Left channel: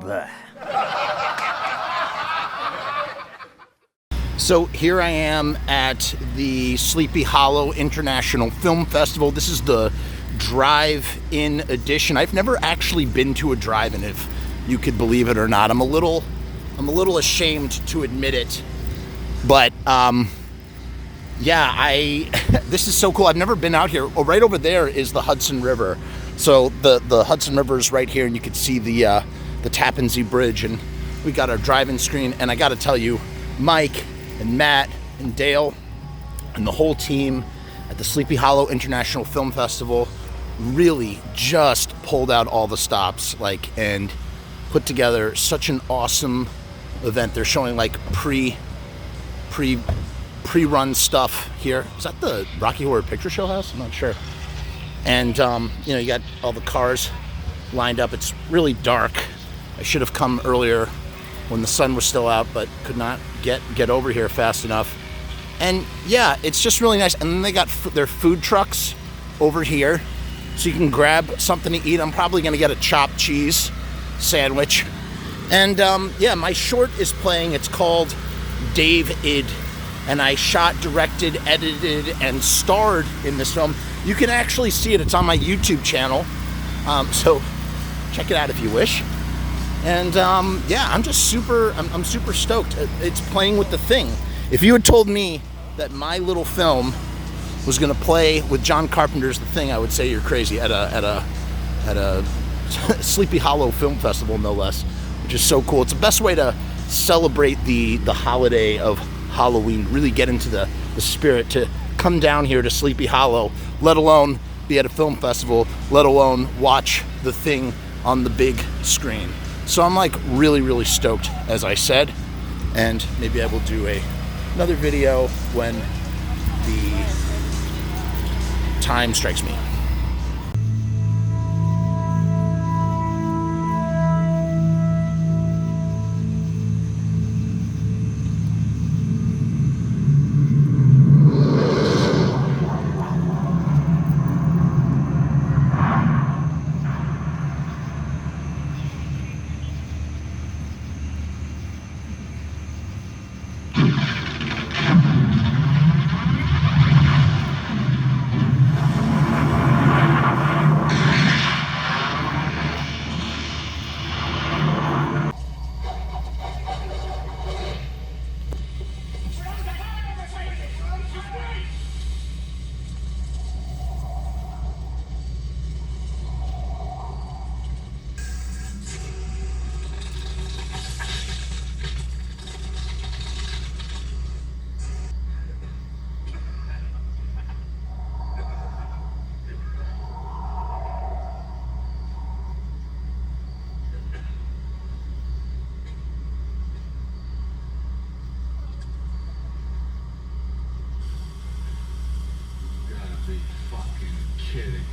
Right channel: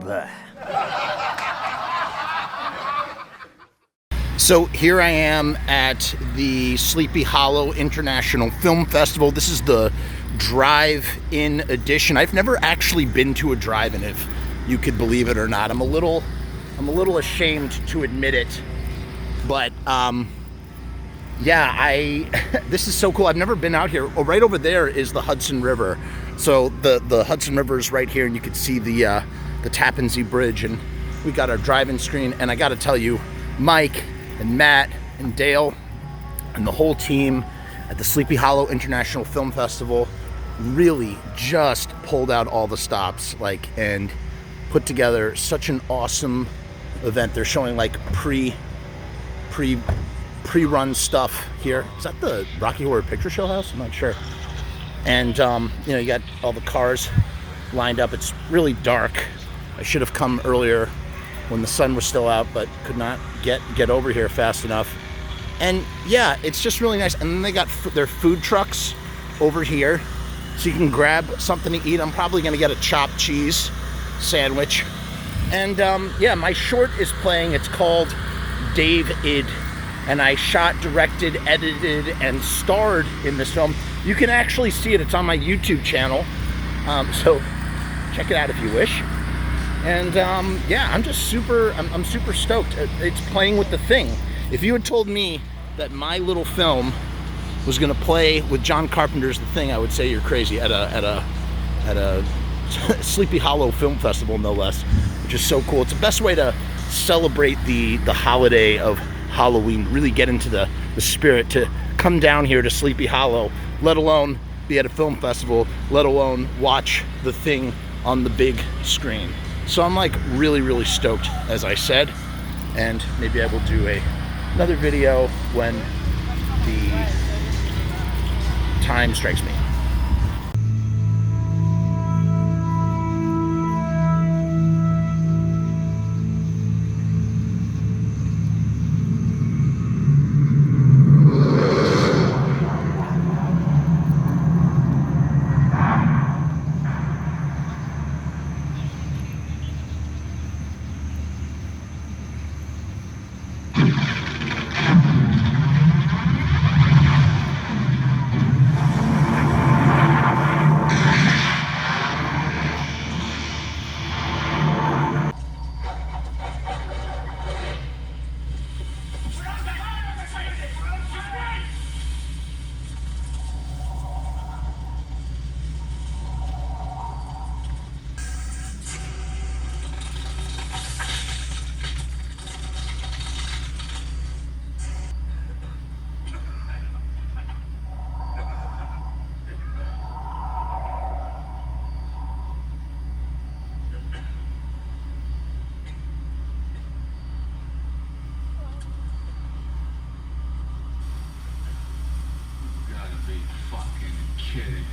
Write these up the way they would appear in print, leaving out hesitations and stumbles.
Bleh. So here I am at the Sleepy Hollow International Film Festival. This is the drive-in edition. I've never actually been to a drive-in, if you could believe it or not. I'm a little ashamed to admit it, but yeah, this is so cool. I've never been out here. Oh, right over there is the Hudson River. So the Hudson River is right here, and you can see the Tappan Zee Bridge, and we got our drive-in screen. And I got to tell you, Mike and Matt and Dale and the whole team at the Sleepy Hollow International Film Festival really just pulled out all the stops, and put together such an awesome event. They're showing pre-run stuff here. Is that the Rocky Horror Picture Show house? I'm not sure. And you got all the cars lined up. It's really dark. I should have come earlier when the sun was still out, but could not get over here fast enough. And yeah, it's just really nice. And then they got their food trucks over here, so you can grab something to eat. I'm probably gonna get a chopped cheese sandwich. And yeah, my short is playing. It's called David, and I shot, directed, edited, and starred in this film. You can actually see it. It's on my YouTube channel, so check it out if you wish. And yeah, I'm super stoked. It's playing with The Thing. If you had told me that my little film was gonna play with John Carpenter's The Thing, I would say you're crazy at a Sleepy Hollow Film Festival, no less, which is so cool. It's the best way to celebrate the holiday of Halloween, really get into the spirit, to come down here to Sleepy Hollow, let alone be at a film festival, let alone watch The Thing on the big screen. So I'm really stoked, as I said, and maybe I will do another video when the time strikes me. Kidding.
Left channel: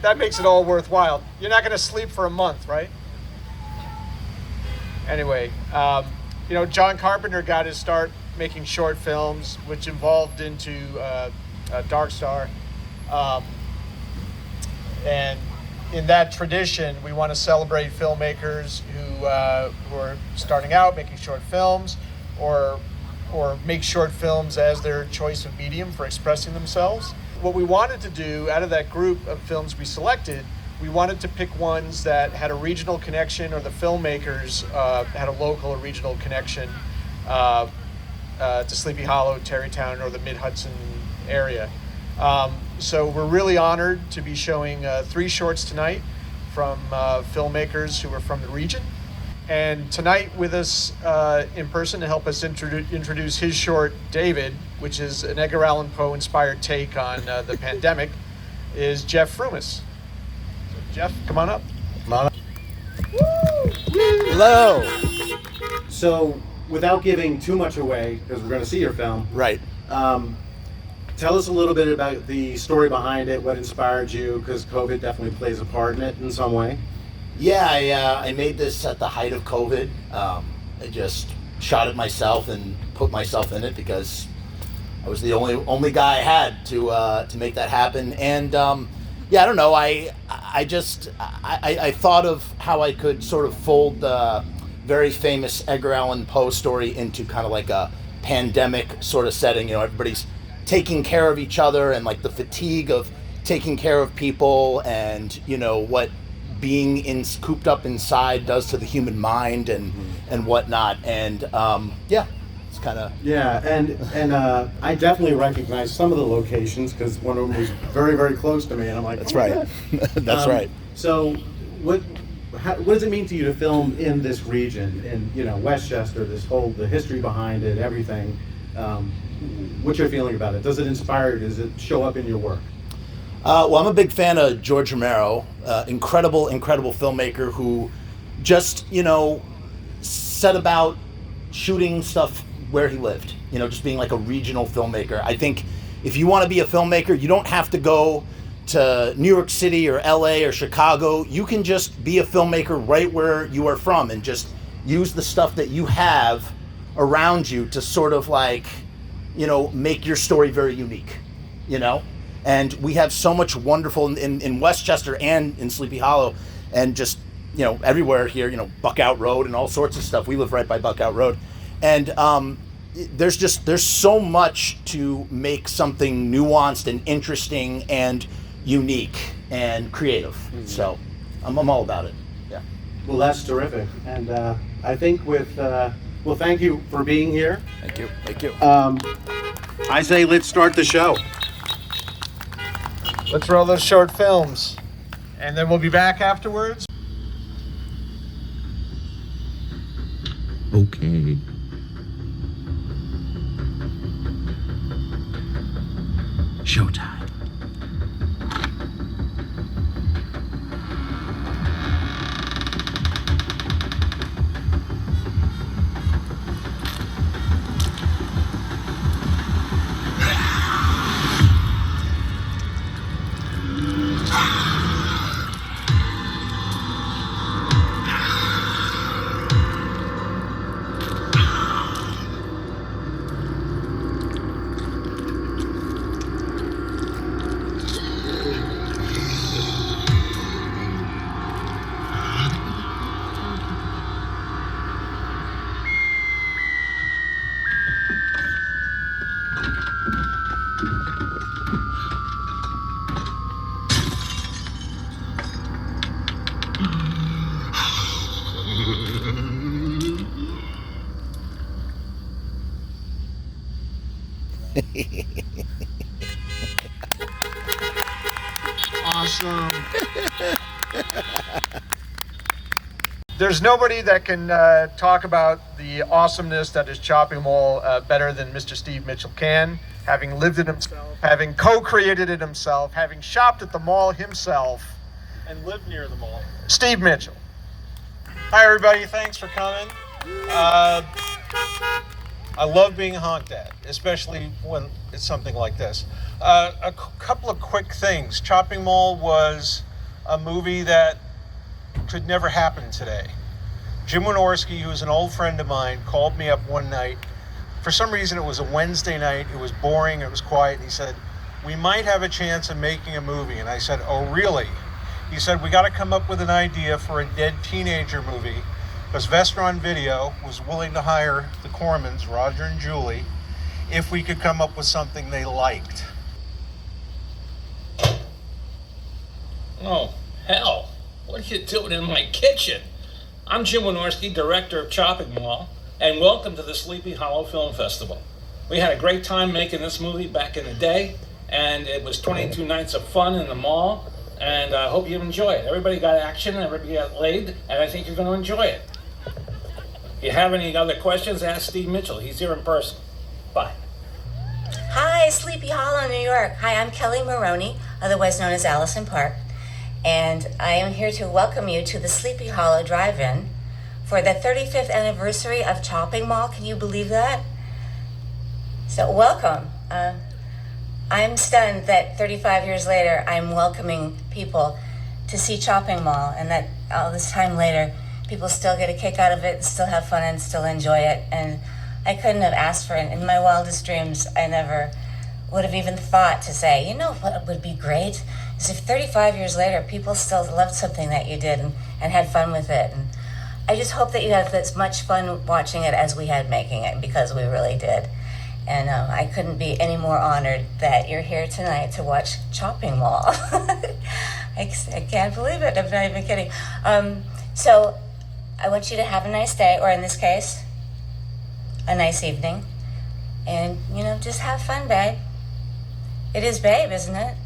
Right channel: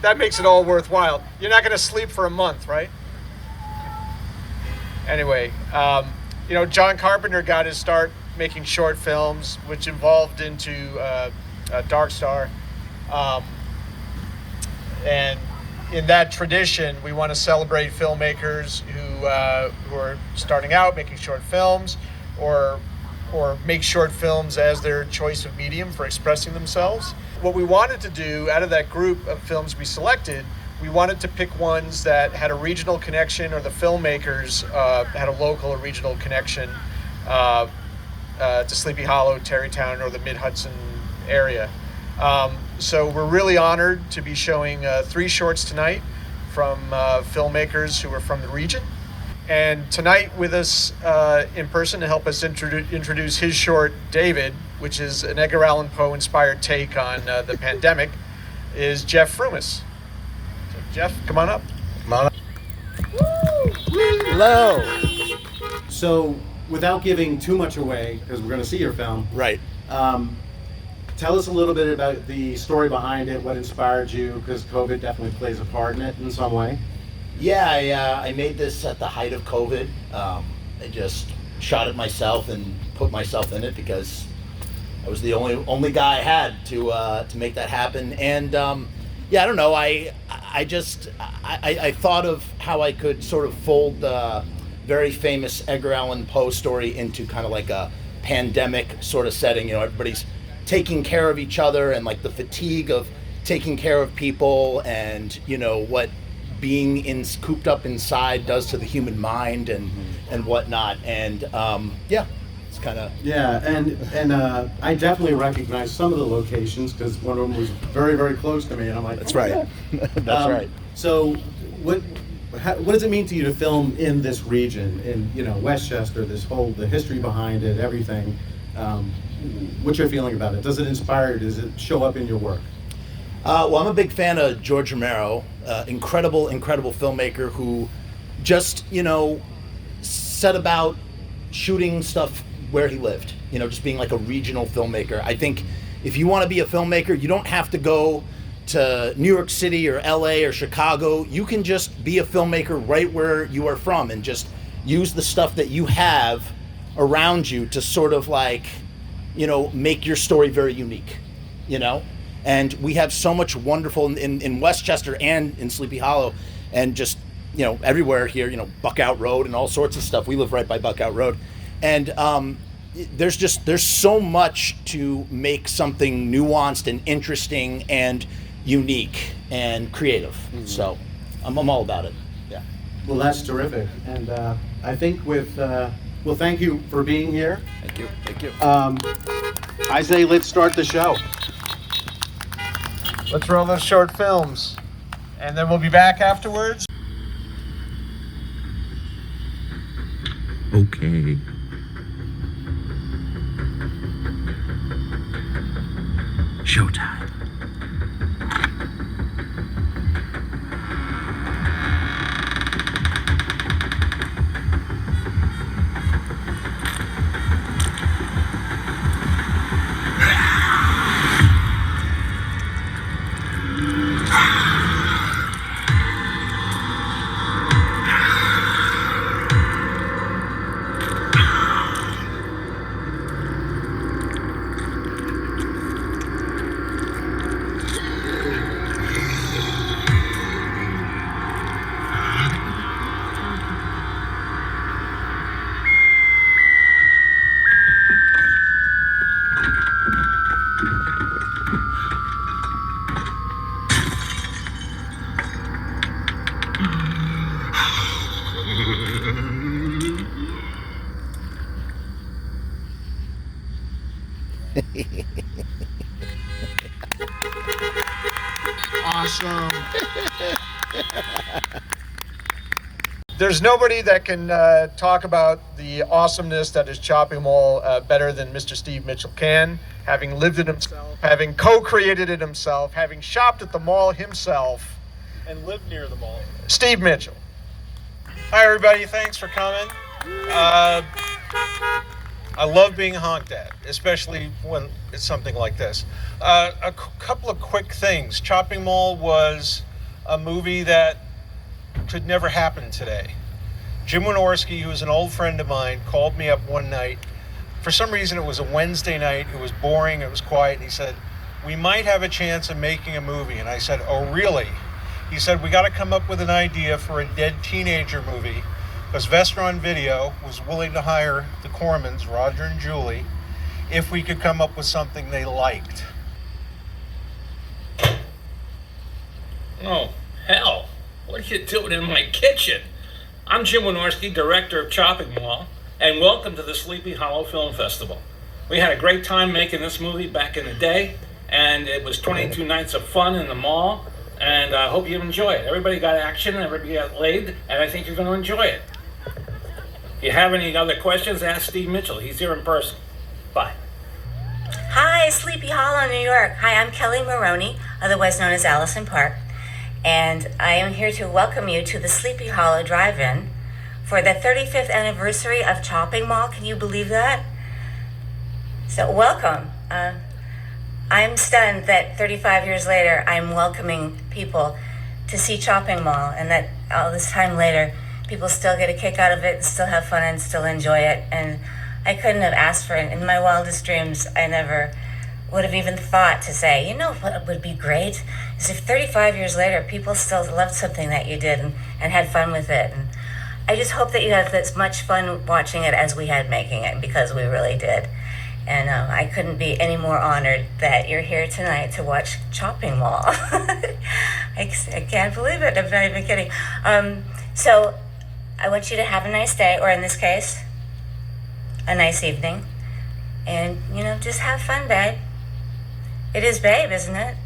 That makes it all worthwhile. You're not going to sleep for a month, right? Anyway, John Carpenter got his start making short films, which evolved into Dark Star. And in that tradition, we want to celebrate filmmakers who are starting out making short films, or make short films as their choice of medium for expressing themselves. What we wanted to do out of that group of films we selected, we wanted to pick ones that had a regional connection, or the filmmakers had a local or regional connection to Sleepy Hollow, Tarrytown, or the Mid-Hudson area. So we're really honored to be showing 3 shorts tonight from filmmakers who are from the region. And tonight with us in person to help us introduce his short, David, which is an Edgar Allan Poe inspired take on the pandemic, is Jeff Frumess. So Jeff, come on up. Come on up. Hello. So, without giving too much away, because we're going to see your film, Right. Tell us a little bit about the story behind it, what inspired you, because COVID definitely plays a part in it in some way. Yeah, I made this at the height of COVID. I just shot it myself and put myself in it because I was the only guy I had to make that happen. And yeah, I don't know. I thought of how I could sort of fold the very famous Edgar Allan Poe story into kind of like a pandemic sort of setting. You know, everybody's taking care of each other and like the fatigue of taking care of people, and you know what being cooped up inside does to the human mind and whatnot. And yeah, it's kind of and I definitely recognize some of the locations because one of them was very, very close to me, and I'm like, that's right. That's right. So what does it mean to you to film in this region, in, you know, Westchester, the history behind it, everything? What's your feeling about it? Does it inspire you? Does it show up in your work? Well, I'm a big fan of George Romero, incredible filmmaker who just, you know, set about shooting stuff where he lived, you know, just being like a regional filmmaker. I think if you want to be a filmmaker, you don't have to go to New York City or LA or Chicago. You can just be a filmmaker right where you are from and just use the stuff that you have around you to sort of like, you know, make your story very unique, you know? And we have so much wonderful in Westchester and in Sleepy Hollow and just, you know, everywhere here, you know, Buckout Road and all sorts of stuff. We live right by Buckout Road. And there's so much to make something nuanced and interesting and unique and creative. Mm-hmm. So I'm all about it. Yeah. Well, that's terrific. And I think well, thank you for being here. Thank you. I say let's start the show. Let's roll those short films, and then we'll be back afterwards. Okay. Showtime. Awesome. There's nobody that can talk about the awesomeness that is Chopping Mall better than Mr. Steve Mitchell can, having lived it himself, having co-created it himself, having shopped at the mall himself, and lived near the mall. Steve Mitchell. Hi, everybody. Thanks for coming. I love being honked at, especially when it's something like this. A couple of quick things. Chopping Mall was a movie that could never happen today. Jim Wynorski, who's an old friend of mine, called me up one night. For some reason, it was a Wednesday night. It was boring. It was quiet. And he said, "We might have a chance of making a movie." And I said, "Oh, really?" He said, "We got to come up with an idea for a dead teenager movie, because Vestron Video was willing to hire the Cormans, Roger and Julie, if we could come up with something they liked." Oh, hell. What are you doing in my kitchen? I'm Jim Wynorski, director of Chopping Mall, and welcome to the Sleepy Hollow Film Festival. We had a great time making this movie back in the day, and it was 22 nights of fun in the mall, and I hope you enjoy it. Everybody got action, everybody got laid, and I think you're going to enjoy it. If you have any other questions, ask Steve Mitchell. He's here in person. Bye. Hi, Sleepy Hollow, New York. Hi, I'm Kelly Maroney, otherwise known as Allison Park, and I am here to welcome you to the Sleepy Hollow Drive-In for the 35th anniversary of Chopping Mall. Can you believe that? So welcome. I'm stunned that 35 years later, I'm welcoming people to see Chopping Mall, and that all this time later, people still get a kick out of it, still have fun, and still enjoy it. And I couldn't have asked for it. In my wildest dreams, I never would have even thought to say, you know what would be great? Is if 35 years later, people still loved something that you did and had fun with it. And I just hope that you have as much fun watching it as we had making it, because we really did. And I couldn't be any more honored that you're here tonight to watch Chopping Mall. I can't believe it. I'm not even kidding. So I want you to have a nice day, or in this case, a nice evening. And, just have fun, babe. It is babe, isn't it?